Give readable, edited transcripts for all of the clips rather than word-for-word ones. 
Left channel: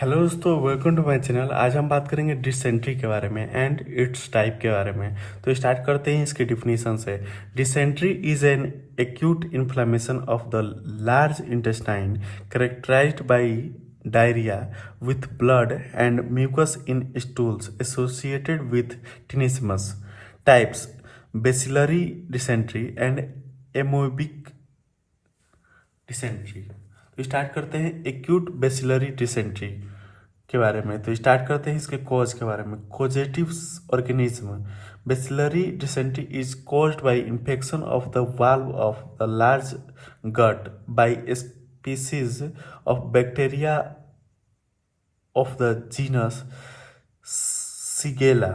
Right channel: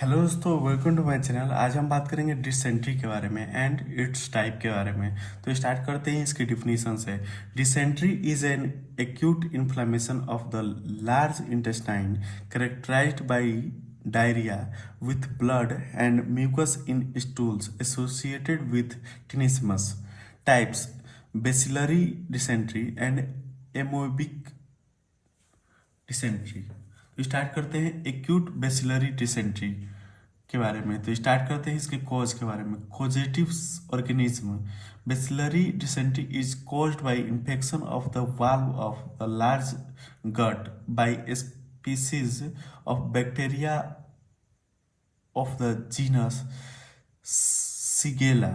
Hello दोस्तों, welcome to my channel. आज हम बात करेंगे डिसेंट्री के बारे में एंड इट्स टाइप के बारे में। तो स्टार्ट करते हैं इसके डिफिनीशन से। Dysentery is an acute inflammation of the large intestine characterised by diarrhoea with blood and mucus in stools associated with tenesmus types bacillary dysentery and amoebic dysentery. तो start करते हैं एक्यूट बेसिलरी डिसेंट्री के बारे में। तो start करते हैं इसके कॉज के बारे में। Causative organism bacillary dysentery is caused by infection of the wall of the large gut by species of bacteria of the genus Shigella.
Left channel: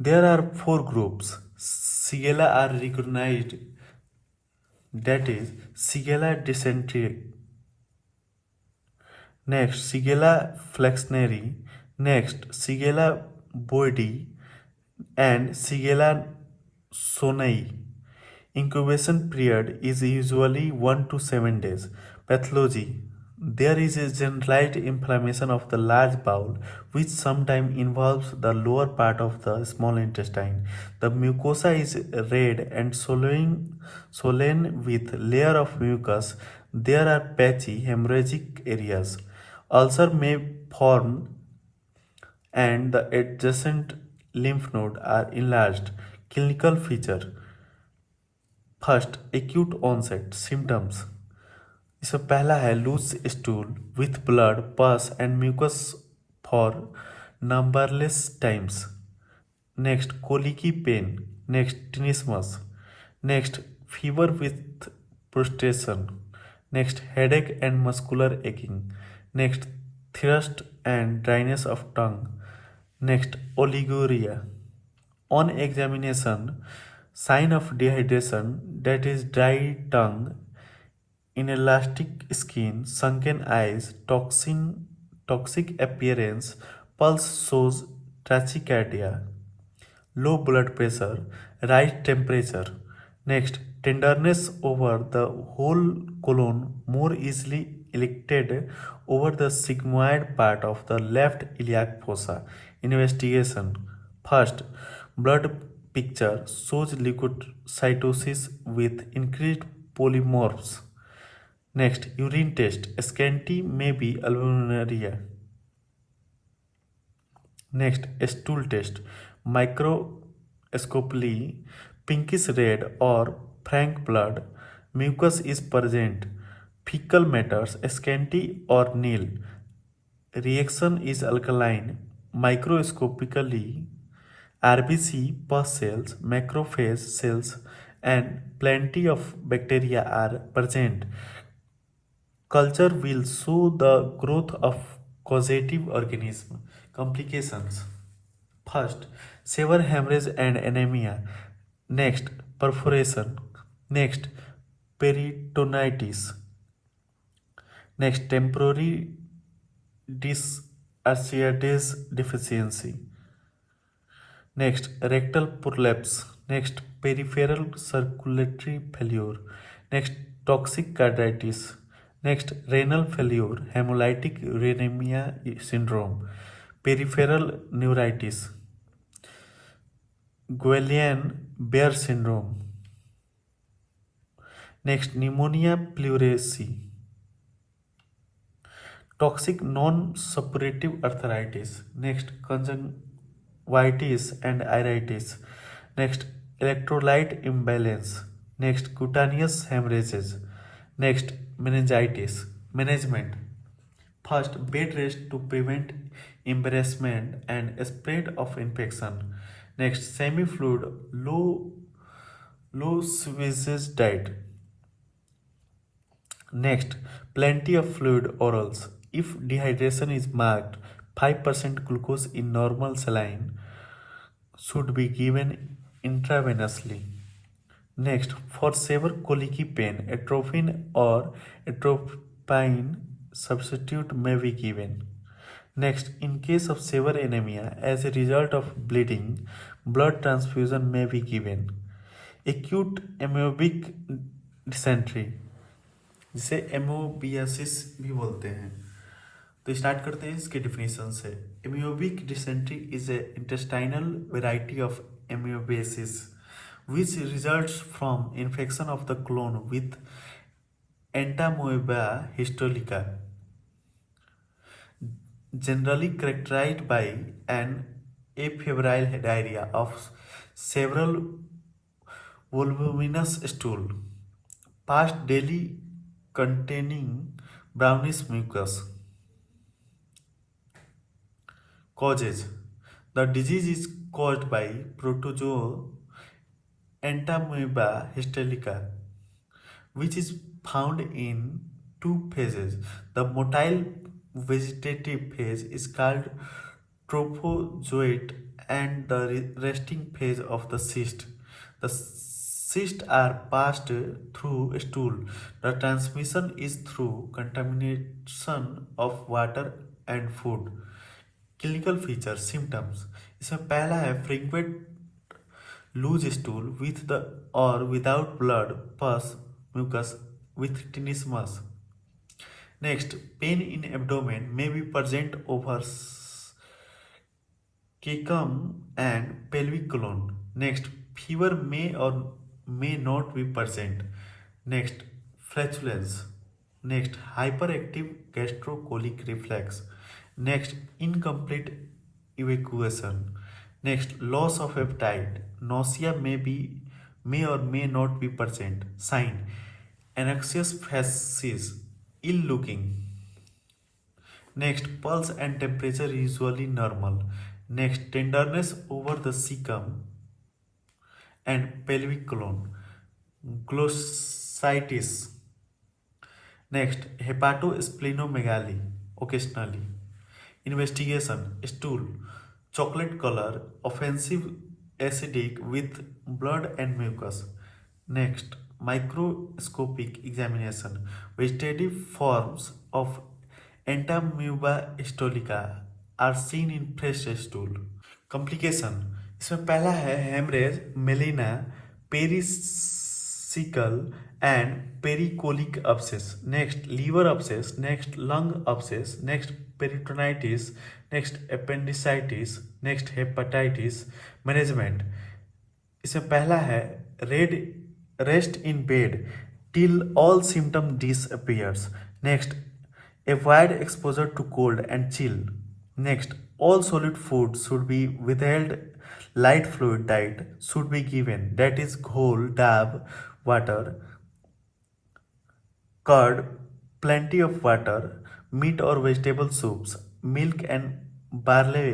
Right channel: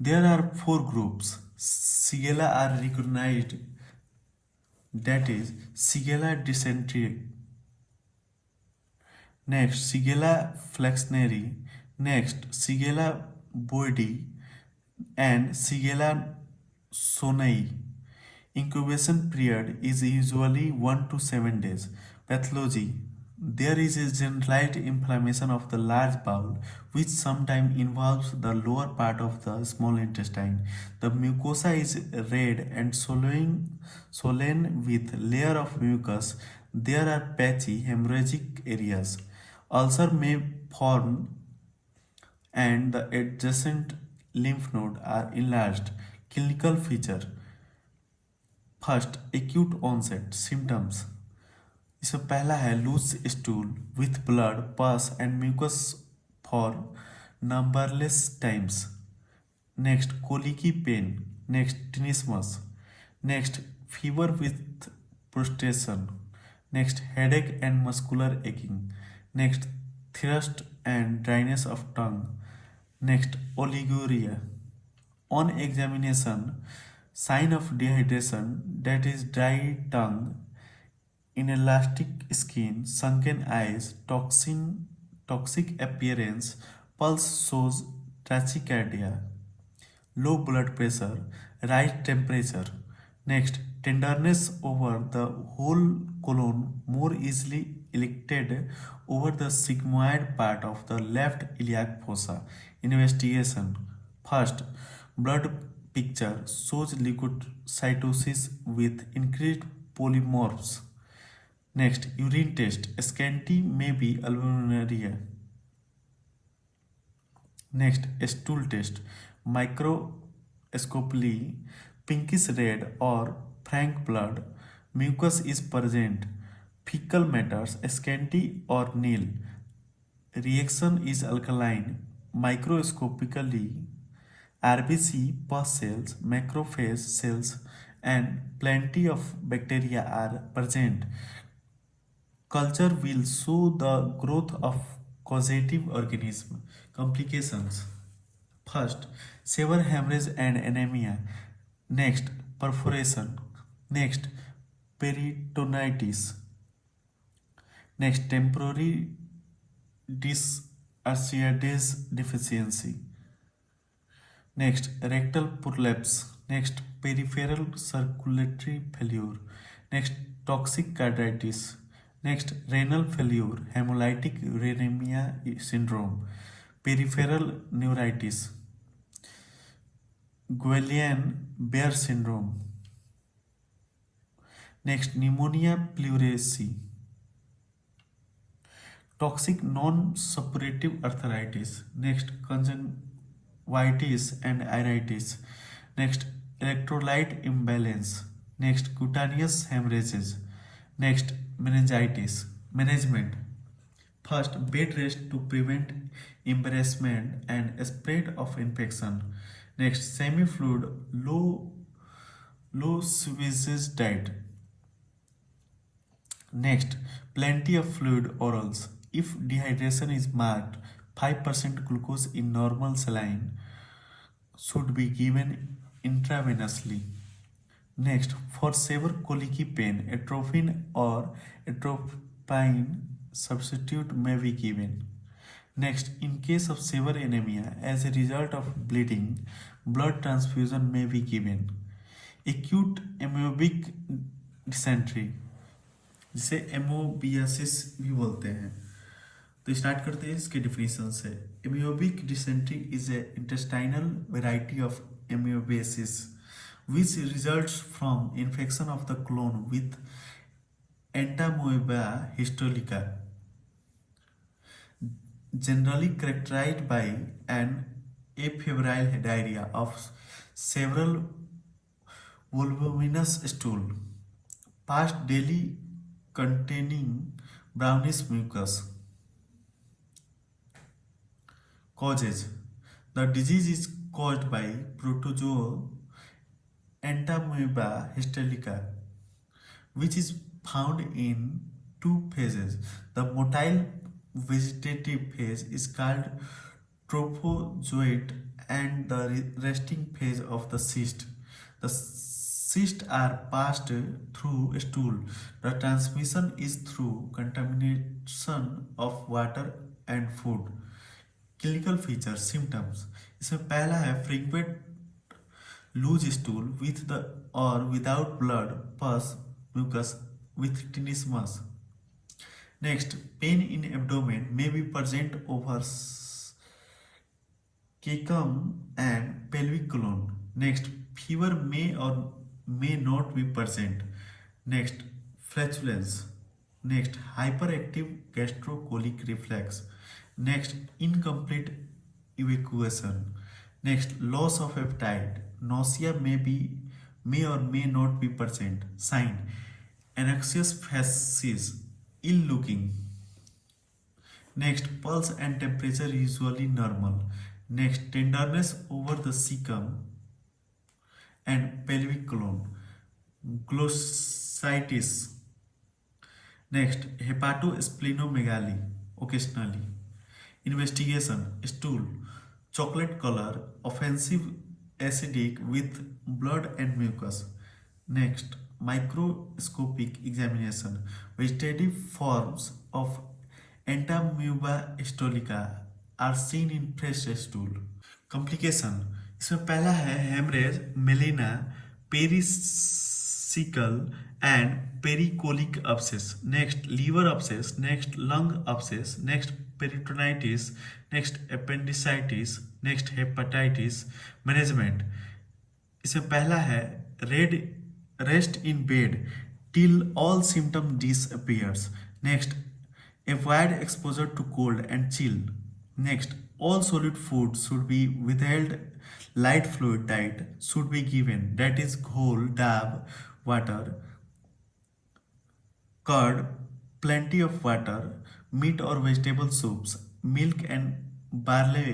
There are four groups. Shigella are recognized, that is Shigella Dysentery. Next, Shigella flexneri. Next, Shigella boydii and Shigella sonai. Incubation period is usually 1 to 7 days. Pathology. There is a generalized inflammation of the large bowel, which sometimes involves the lower part of the small intestine. The mucosa is red and swollen with layer of mucus. There are patchy hemorrhagic areas. Ulcer may form and the adjacent lymph node are enlarged. Clinical feature. First, acute onset symptoms. इसमें पहला है loose stool with blood pus and mucus for numberless times. Next, colicky pain. Next, tenesmus. Next, fever with prostration. Next, headache and muscular aching. Next, thirst and dryness of tongue. Next, oliguria on examination. Sign of dehydration, that is dry tongue, inelastic skin, sunken eyes, toxic appearance, pulse shows tachycardia, low blood pressure, right temperature. Next, tenderness over the whole colon, more easily elicted over the sigmoid part of the left iliac fossa. Investigation. First, blood picture shows leukocytosis with increased polymorphs. Next, urine test. Scanty may be albuminuria. Next, stool test. Microscopically pinkish red or frank blood. Mucus is present. Fecal matters scanty or nil. Reaction is alkaline. Microscopically, R.B.C pus cells, macrophage cells, and plenty of bacteria are present. Culture will show the growth of causative organism. Complications. First, severe hemorrhage and anemia. Next, perforation. Next, peritonitis. Next, temporary dysarthritis deficiency. Next, rectal prolapse. Next, peripheral circulatory failure. Next, toxic carditis. Next, renal failure, hemolytic uremia syndrome, peripheral neuritis, Guillain-Barre syndrome. Next, pneumonia pleurisy. Toxic non-suppurative arthritis. Next, conjunctivitis and iritis. Next, electrolyte imbalance. Next, cutaneous hemorrhages. Next, meningitis. Management. First, bed rest to prevent embarrassment and spread of infection. Next, semi-fluid, low sewage diet. Next, plenty of fluid orals. If dehydration is marked, 5% glucose in normal saline should be given intravenously. Next, for severe colicky pain, atropine or atropine substitute may be given. Next, in case of severe anemia as a result of bleeding, blood transfusion may be given. Acute amoebic dysentery, जिसे एमोबियासिस भी बोलते हैं. तो start करते हैं इसके definition से। Amoebic dysentery is a intestinal variety of amoebiasis which results from infection of the colon with Entamoeba histolytica, generally characterized by an afebrile diarrhea of several voluminous stool, passed daily containing brownish mucus. Causes: the disease is caused by protozoa Entamoeba histolytica, which is found in two phases. The motile vegetative phase is called trophozoite and the resting phase of the cyst. The cysts are passed through stool. The transmission is through contamination of water and food. Clinical features, symptoms, इसमें पहला है frequent loose stool with the or without blood, pus, mucus with tenesmus. Next, pain in abdomen may be present over cecum and pelvic colon. Next, fever may or may not be present. Next, flatulence. Next, hyperactive gastrocolic reflex. Next, incomplete evacuation. Next, loss of appetite. Nausea may or may not be present. Sign: anxious faces, ill looking. Next, pulse and temperature usually normal. Next, tenderness over the cecum and pelvic colon. Glossitis. Next, hepatosplenomegaly occasionally. Investigation: stool, chocolate color, offensive acidic with blood and mucus. Next, microscopic examination. Vegetative forms of Entamoeba histolytica are seen in fresh stool. Complication: इसमें पहला है hemorrhage, melena, peri-caecal and peri-colic abscess. Next, liver abscess. Next, lung abscess. Next, peritonitis. Next, appendicitis. Next, hepatitis. Management: इसमें पहला है rest in bed till all symptom disappears. Next, avoid exposure to cold and chill. Next, all solid food should be withheld. Light fluid diet should be given, that is ghole, dab, water, curd, plenty of water, meat or vegetable soups, milk and barley,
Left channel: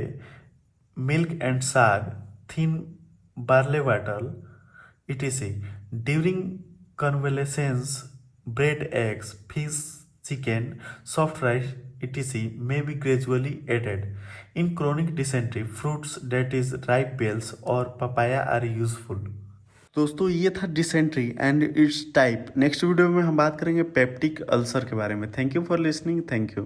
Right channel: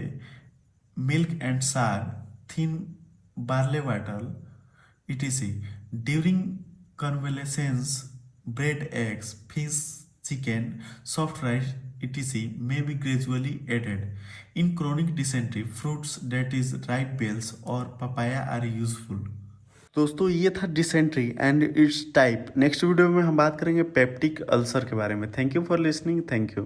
milk and sag, thin barley water, etc. During convalescence, bread, eggs, fish, chicken, soft rice, etc. may be gradually added. In chronic dysentery, fruits that is ripe bells or papaya are useful. दोस्तों ये था dysentery and it's type. Next video में हम बात करेंगे peptic ulcer के बारे में। Thank you for listening. Thank you.